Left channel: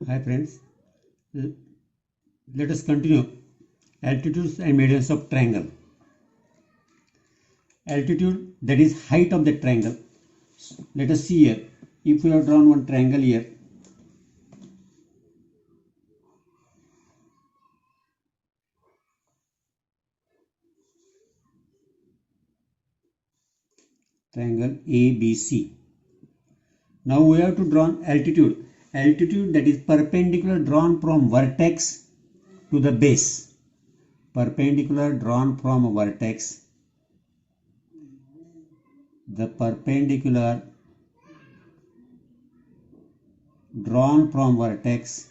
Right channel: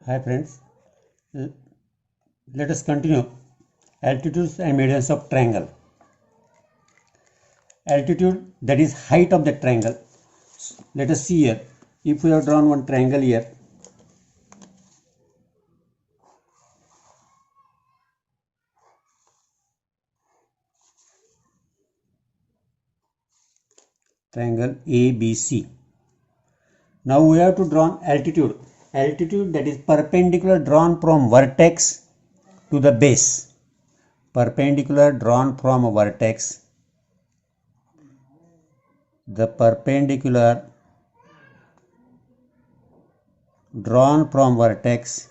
Hi friends, let us continue altitudes and medians of triangle. Altitude, that is height of the triangle. Let us see here, if we have drawn one triangle here, triangle ABC. Now we have to draw altitude. Altitude, that is perpendicular drawn from vertex to the base. Perpendicular drawn from a vertex. The perpendicular drawn from vertex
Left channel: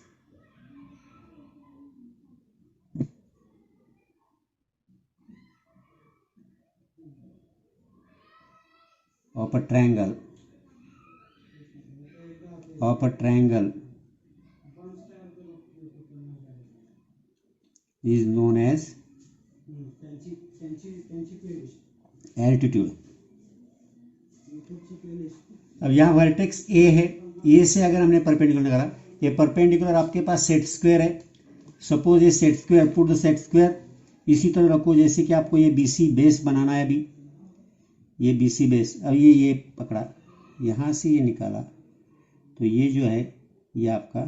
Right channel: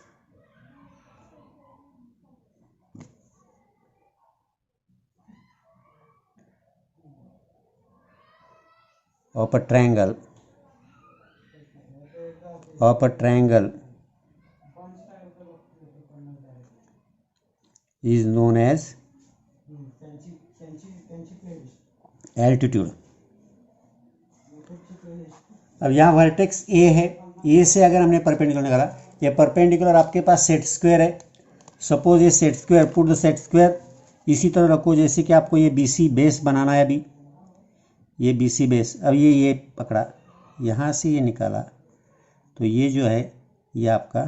of a triangle is known as altitude. अब यहाँ vertex ए है, ए से अगर हमने perpendicular निकाला, ये perpendicular आपके पास set square है. सपोज ये set square, put the set square इसी तरह रखो जैसे कि आपको ये बीसी बेस बनाना है. अभी ये बीसी बेस, अब ये पकड़ा, यहाँ से ये निकाला, तो ये जो है ये आपका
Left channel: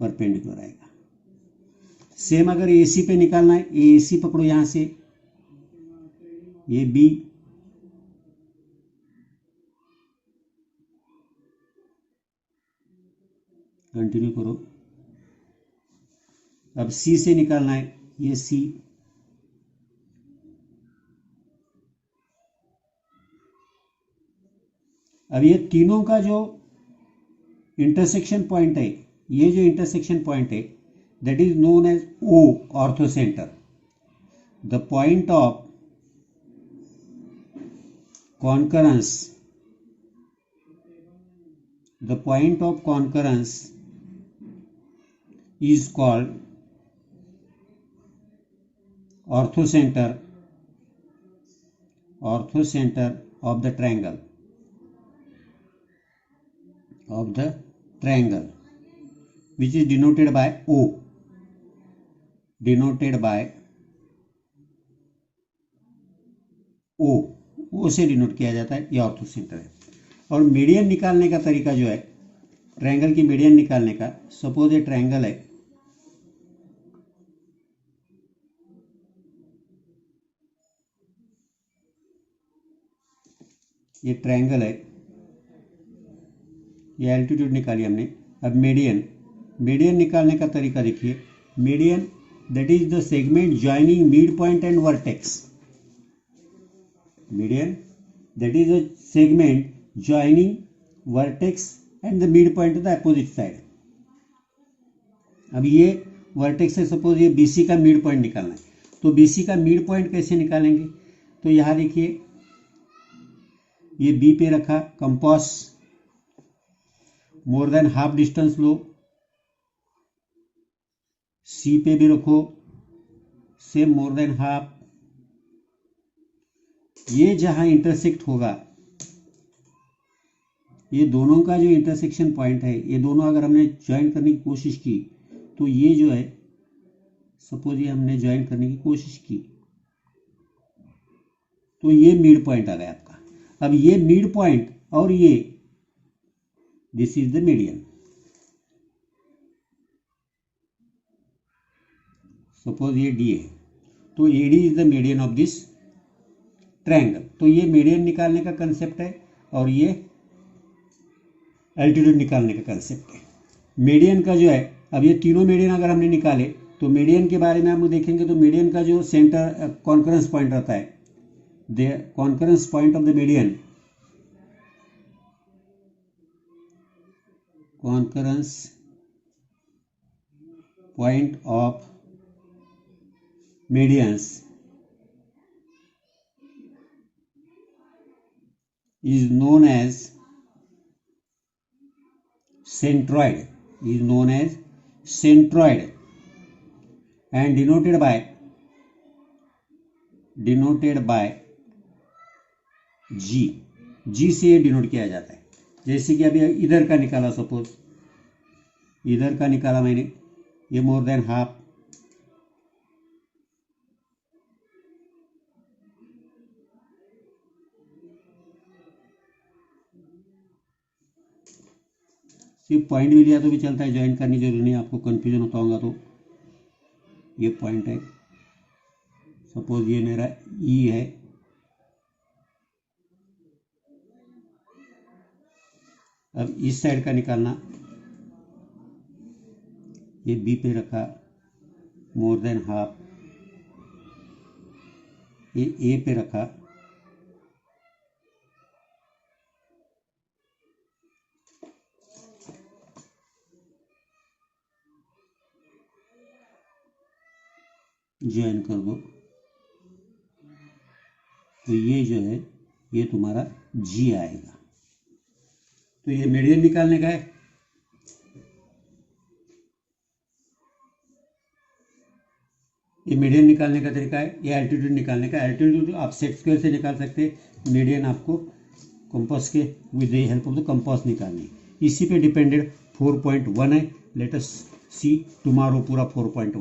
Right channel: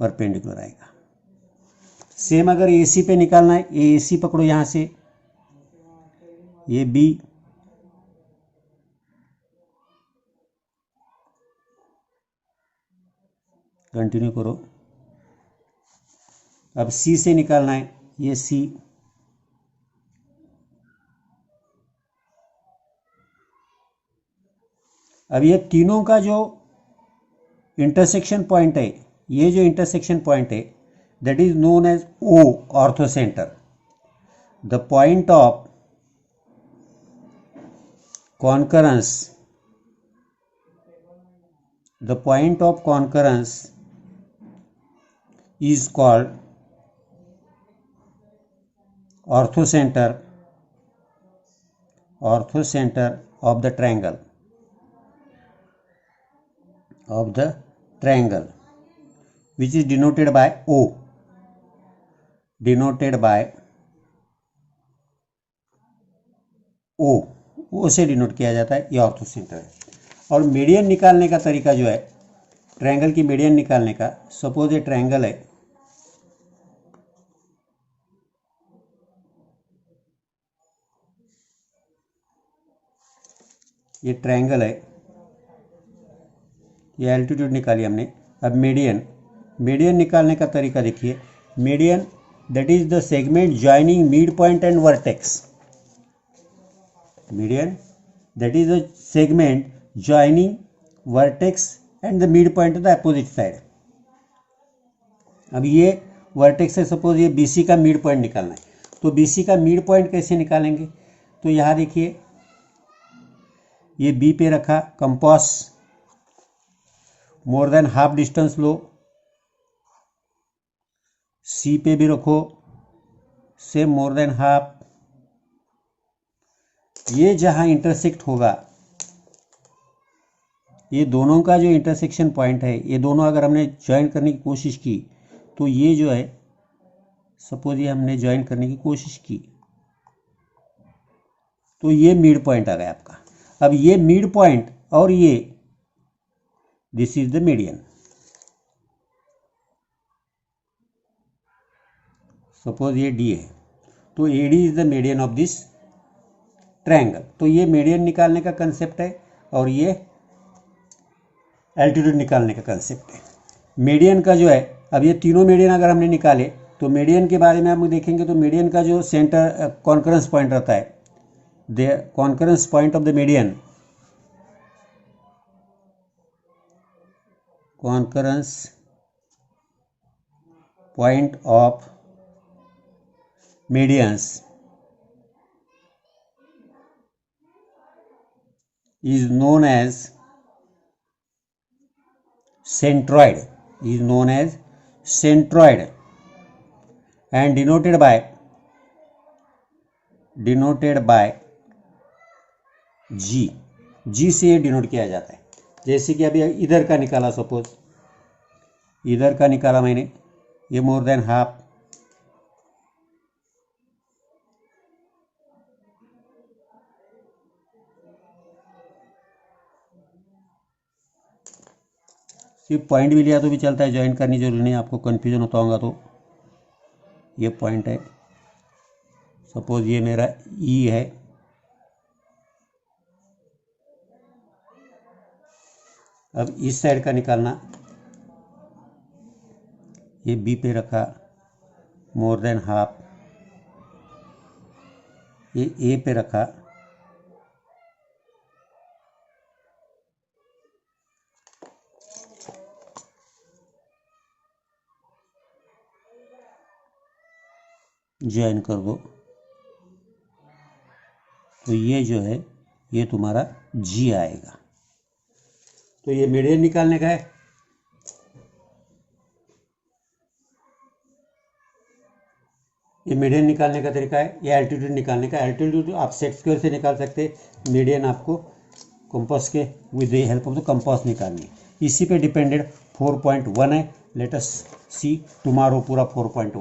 परपेंडिकुलर आएगा. सेम अगर एसी पे निकालना है, ये एसी पकड़ो यहाँ से, ये बी, कंटिन्यू करो. अब सी से निकालना है, ये सी, अब ये तीनों का जो इंटरसेक्शन पॉइंट है, ये जो इंटरसेक्शन पॉइंट है, that is known as O, orthocenter. The point of concurrence is called orthocenter of the triangle, which is denoted by O. O से डिनोट किया जाता है, ये ऑर्थोसेंटर है. और मीडियन निकालने का तरीका जो है, ट्रायंगल की मीडियन निकालने का, सपोज ये ट्रायंगल है, ये ट्रायंगल है, ये एल्टीट्यूड निकाली हमने. अब मीडियन निकालने का तरीका देखिए. Median, that is the segment joining midpoint and vertex. Median, that is the segment joining vertex and the midpoint to the opposite side. अब ये वर्टेक्स है, सपोज ये BC का मिड पॉइंट निकालना है, तो BC का मिड पॉइंट कैसे निकालेंगे? तो यहाँ देखिए, ये B पे रखा compass, more than half distance लो, C पे भी रखो, से मोर देन हाफ. ये जहां इंटरसेक्ट होगा, ये दोनों का जो इंटरसेक्शन पॉइंट है, ये दोनों अगर हमने ज्वाइन करने की कोशिश की, तो ये जो है, सपोज ये हमने ज्वाइन करने की कोशिश की, तो ये मिड पॉइंट आ गया आपका. अब ये मिड पॉइंट और ये, this is the median. Suppose ये डी है, तो AD is the median of this triangle. तो ये मीडियन निकालने का कंसेप्ट है, और ये एल्टीट्यूड निकालने का कंसेप्ट है. मीडियन का जो है, अब ये तीनों मीडियन अगर हमने निकाले, तो मीडियन के बारे में हम देखेंगे, तो मीडियन का जो सेंटर कॉन्करेंस पॉइंट रहता है, the concurrence point of the median, concurrence point of medians is known as centroid, and denoted by G से ये डिनोट किया जाता है. जैसे कि अभी इधर का निकाला, सपोज इधर का निकाला मैंने, ये मोर देन हाफ, सिर्फ पॉइंट भी लिया तो भी चलता है, ज्वाइन करनी जरूरी नहीं, आपको कन्फ्यूजन होता होगा तो ये पॉइंट है, सपोज ये मेरा ई है, अब इस साइड का निकालना, ये बी पे रखा, मोर देन हाफ, ये ए पे रखा, ज्वाइन कर दो, तो ये जो है ये तुम्हारा जी आएगा। तो ये मीडियन निकालने का है। ये मीडियन निकालने का तरीका है, ये एल्टीट्यूड निकालने का। एल्टीट्यूड आप सेट स्क्वायर से निकाल सकते हैं, मीडियन आपको कंपास के with the help of the compass निकालनी। इसी पे डिपेंडेड 4.1 है। लेट अस सी टुमारो पूरा 4.1